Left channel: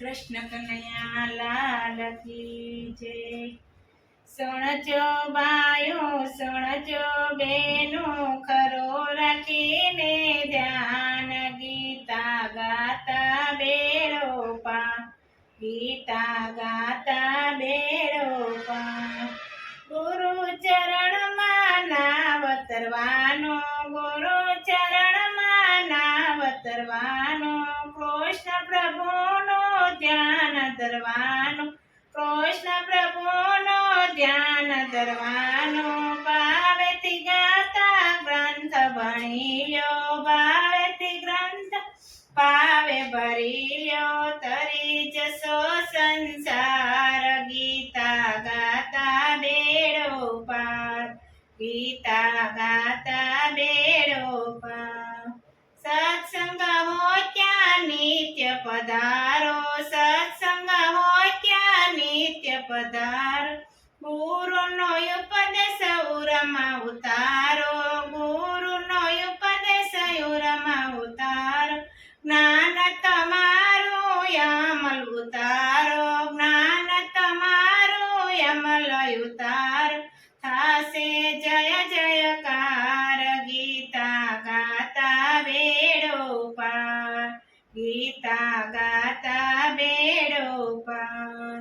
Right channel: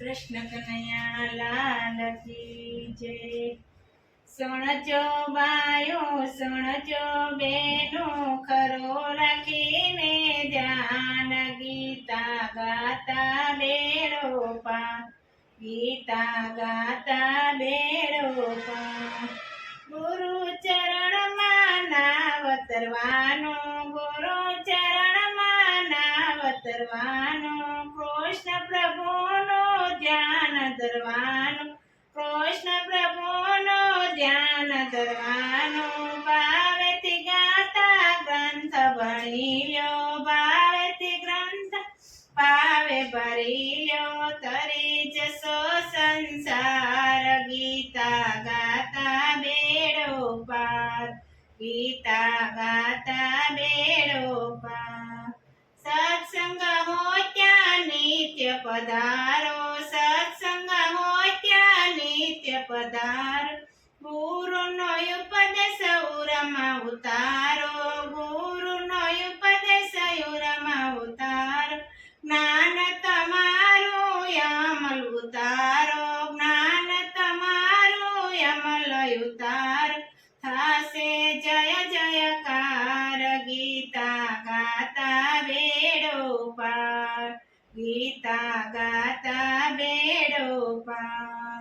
કૃષ્ણ કનૈયા લાલ કી જય। સુણજો બાયો સુણજો બેનો, ખરો રાખીને ધ્યાન, ગીતા ગાતા બેડો પાર, ગીતા ગાતા બેડો પાર। ગુરુ ચરણમાં નાવ તરવાનો, ગુરુ ચરણમાં નાવ તરવાનો, કૃષ્ણ પ્રભુનો ધ્યાન ધરવાનો, કૃષ્ણ પ્રભુનો ધ્યાન ધરવાનો। ભાવેથી ગાતા ગ્રંથ ભણિયો, ભાવેથી ગ્રંથ પાવે ભરિયો, તરી જશો સંસાર, ગીતા ગાતા બેડો પાર, ગીતા ગાતા બેડો પાર। સત્સંગ હો ત્યાં નિત્ય પધારો, સત્સંગ હો ત્યાં નિત્ય પધારો, ગુરુનો ઉપદેશ ઉરમાં ઉતારો, ગુરુનો ઉપદેશ ઉરમાં ઉતારો, જ્ઞાન તમારું અમલ ઉતારો, જ્ઞાન તમારું અમલ ઉતારો, થાશે જય જયકાર, ગીતા ગાતા બેડો પાર, ગીતા ગાતા બેડો પાર।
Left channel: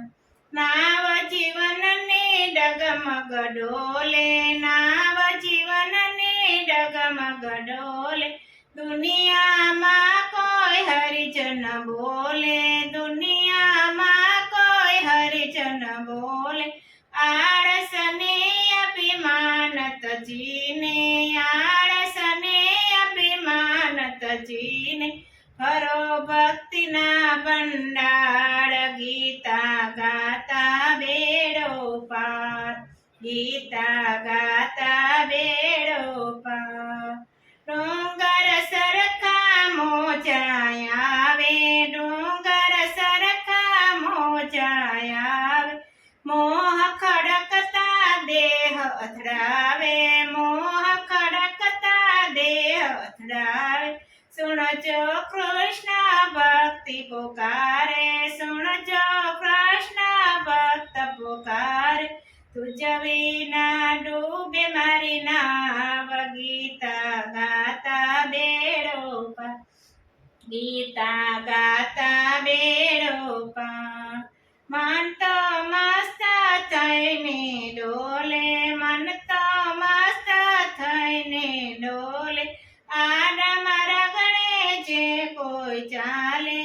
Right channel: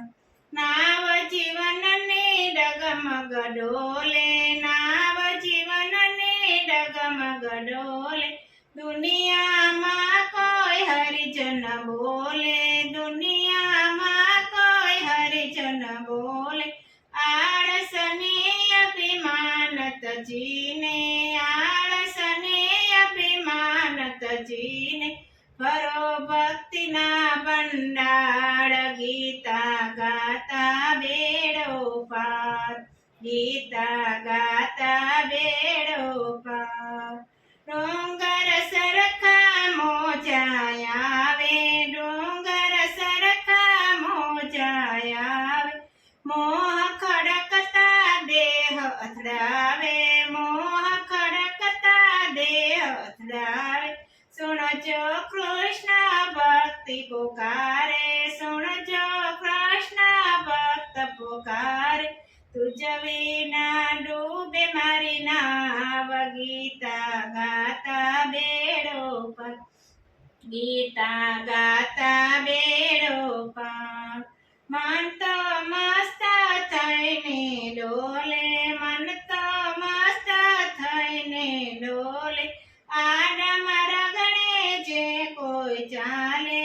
નાવ જીવનને ડગમગ ડોલે, નાવ જીવનને ડગમગ ડોલે, દુનિયામાં કોઈ હરિજન બોલે, દુનિયામાં કોઈ હરિજન બોલે, આળસને અભિમાન તજીને, આળસને અભિમાન તજીને, ભરો ભક્તિના ભંડાર, ગીતા ગાતા બેડો પાર, ગીતા ગાતા બેડો પાર। ડુંગર સરખા મોજાય આવે, ડુંગર સરખા મોજાય આવે, મોહ ખડકતા દેહ અથડાવે, મોહ ખડકતા દેહ અથડાવે, સુણજો કૃષ્ણ ભક્તિ પુકારે, સુણજો કૃષ્ણ ભક્ત પુકારે, તુજ વિના ડૂબે મારી નાવ, ગીતા ગાતા બેડો પાર, ગીતા ગાતા બેડો પાર। મન તો મસ્ત થઈને ડોલે, મન તો મસ્ત થઈને ડોલે, આડમ રગડે જે કોઈ ચાલે,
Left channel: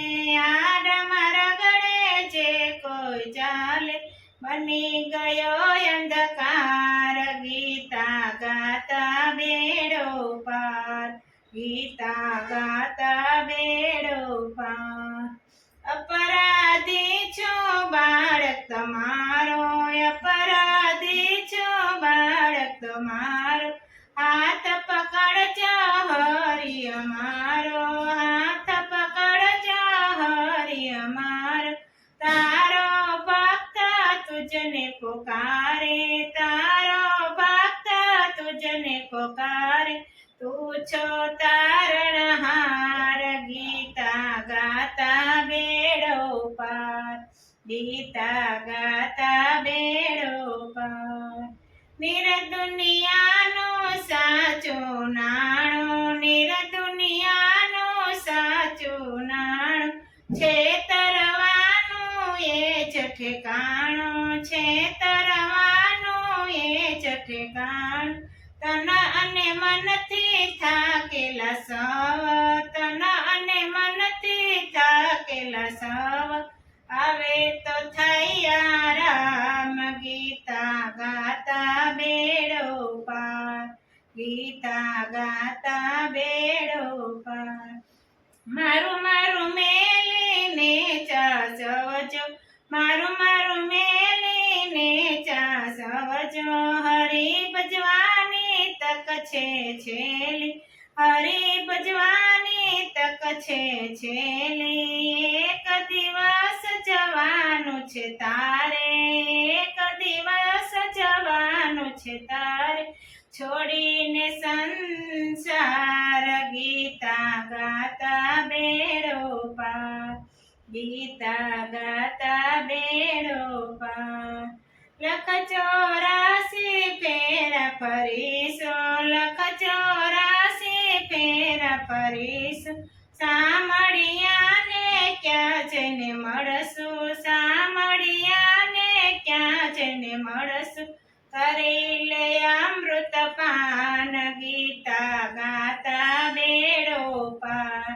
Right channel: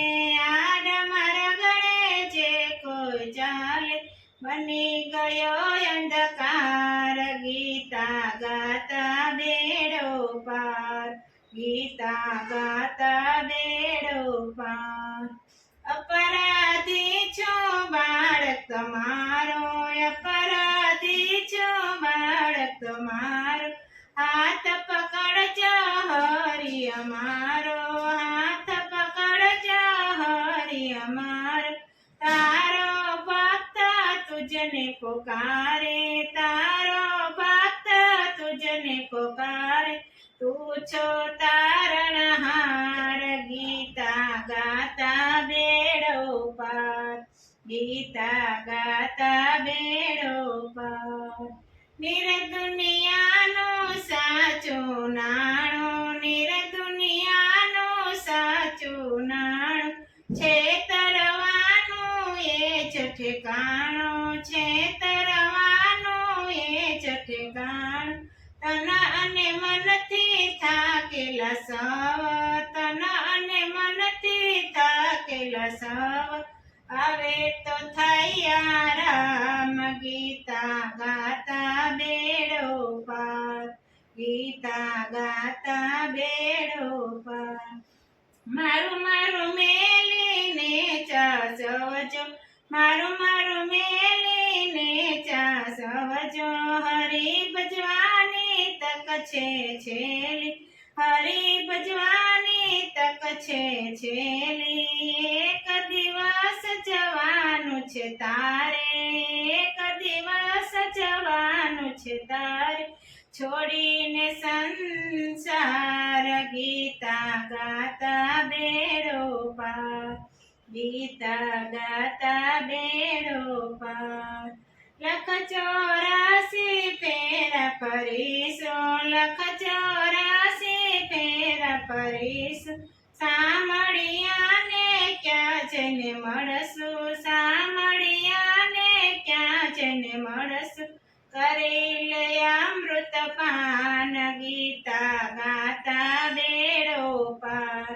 આડમ રગડે જે કોઈ ચાલે, બની ગયો અંધકાર, ગીતા ગાતા બેડો પાર, ગીતા ગાતા બેડો પાર। અપરાધી છું બાળક તમારો, અપરાધી છું બાળક તમારો, હાથ પકડજો હરિ અમારો, હાથ પકડજો હરિ અમારો, તારો ભક્ત તુજને પુકારે, તારો ભક્ત તુજને પુકારે, તું છો તારણહાર, ગીતા ગાતા બેડો પાર, ગીતા ગાતા બેડો પાર। નિર દુનિયાનું સાચું નાણું, નિર દુનિયાનું સાચું નાણું, છેતરવાનું એ જ ઠેકાણું, છેતરવાનું એ જ ઠેકાણું, તન અને મનથી થાકેલા સવ, તન અને મનથી થાકેલા સવ, આવે તો થાય આરામ, ગીતા ગાતા બેડો પાર, ગીતા ગાતા બેડો પાર। મારું મારું મેલીને ચાસવજો, મારું મારું મેલીને ચાસવજો, હરી ભજવાની તક છે છેલી, હરી ભજવાની તક છે છેલી, એક દિવસ જવાનું છે તારે, એક દિવસ જવાનું છે તારે, છોડીને સંસાર, ગીતા ગાતા બેડો પાર, ગીતા ગાતા બેડો પાર. લખ 84 ફેરા ફરીશું, લખ 84 ફેરા ફરીશું. સામળિયાને ક્યાં જઈને મળશું, સામળિયાને ક્યાં જઈને મળશું. કરી લે અમૃત પાન, ગીતા ગાતા બેડો પાર,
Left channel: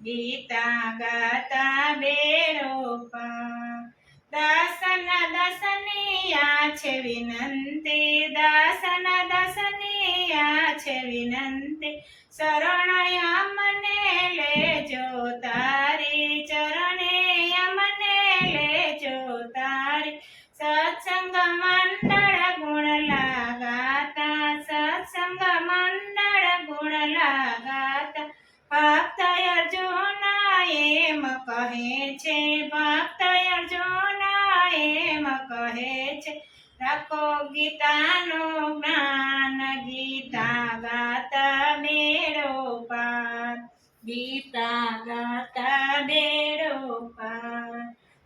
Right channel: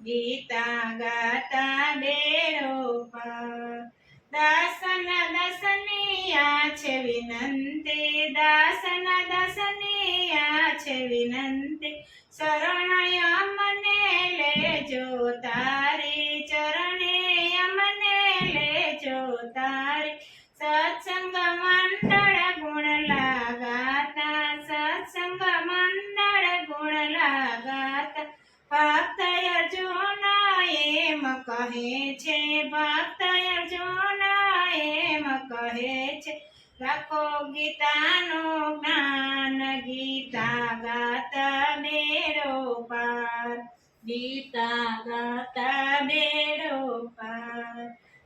ગીતા ગાતા બેડો પાર. દાસના દાસનિયા છે વિનંતી, દાસના દાસનિયા છે વિનંતી. શરણય મને લેજો તારી, ચરણે મને લેજો તારી. સત્સંગ મંડળ ગુણ લાગાતા, સત્સંગ મંડળ ગુણ લાગાતા. ભક્ત અર્જુન એમ કહે છે, ભક્ત અર્જુન એમ કહે છે. રાખો ગીતાનું જ્ઞાન, ગીતા ગાતા બેડો પાર, ગીતા ગાતા બેડો પાર.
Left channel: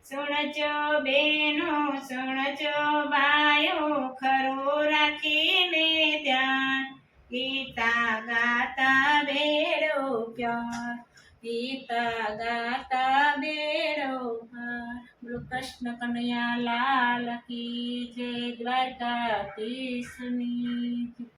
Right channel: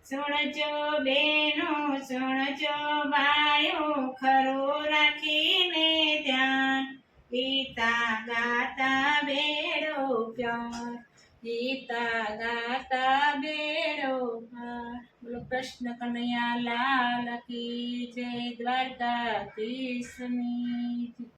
સુણજો બેનો સુણજો ભાઈઓ, ખરું રાખીને ધ્યાન, ગીતા ગાતા બેડો પાર, ગીતા ગાતા બેડો પાર. બોલો કૃષ્ણ કનૈયા લાલ કી જય, દ્વારકાધીશની.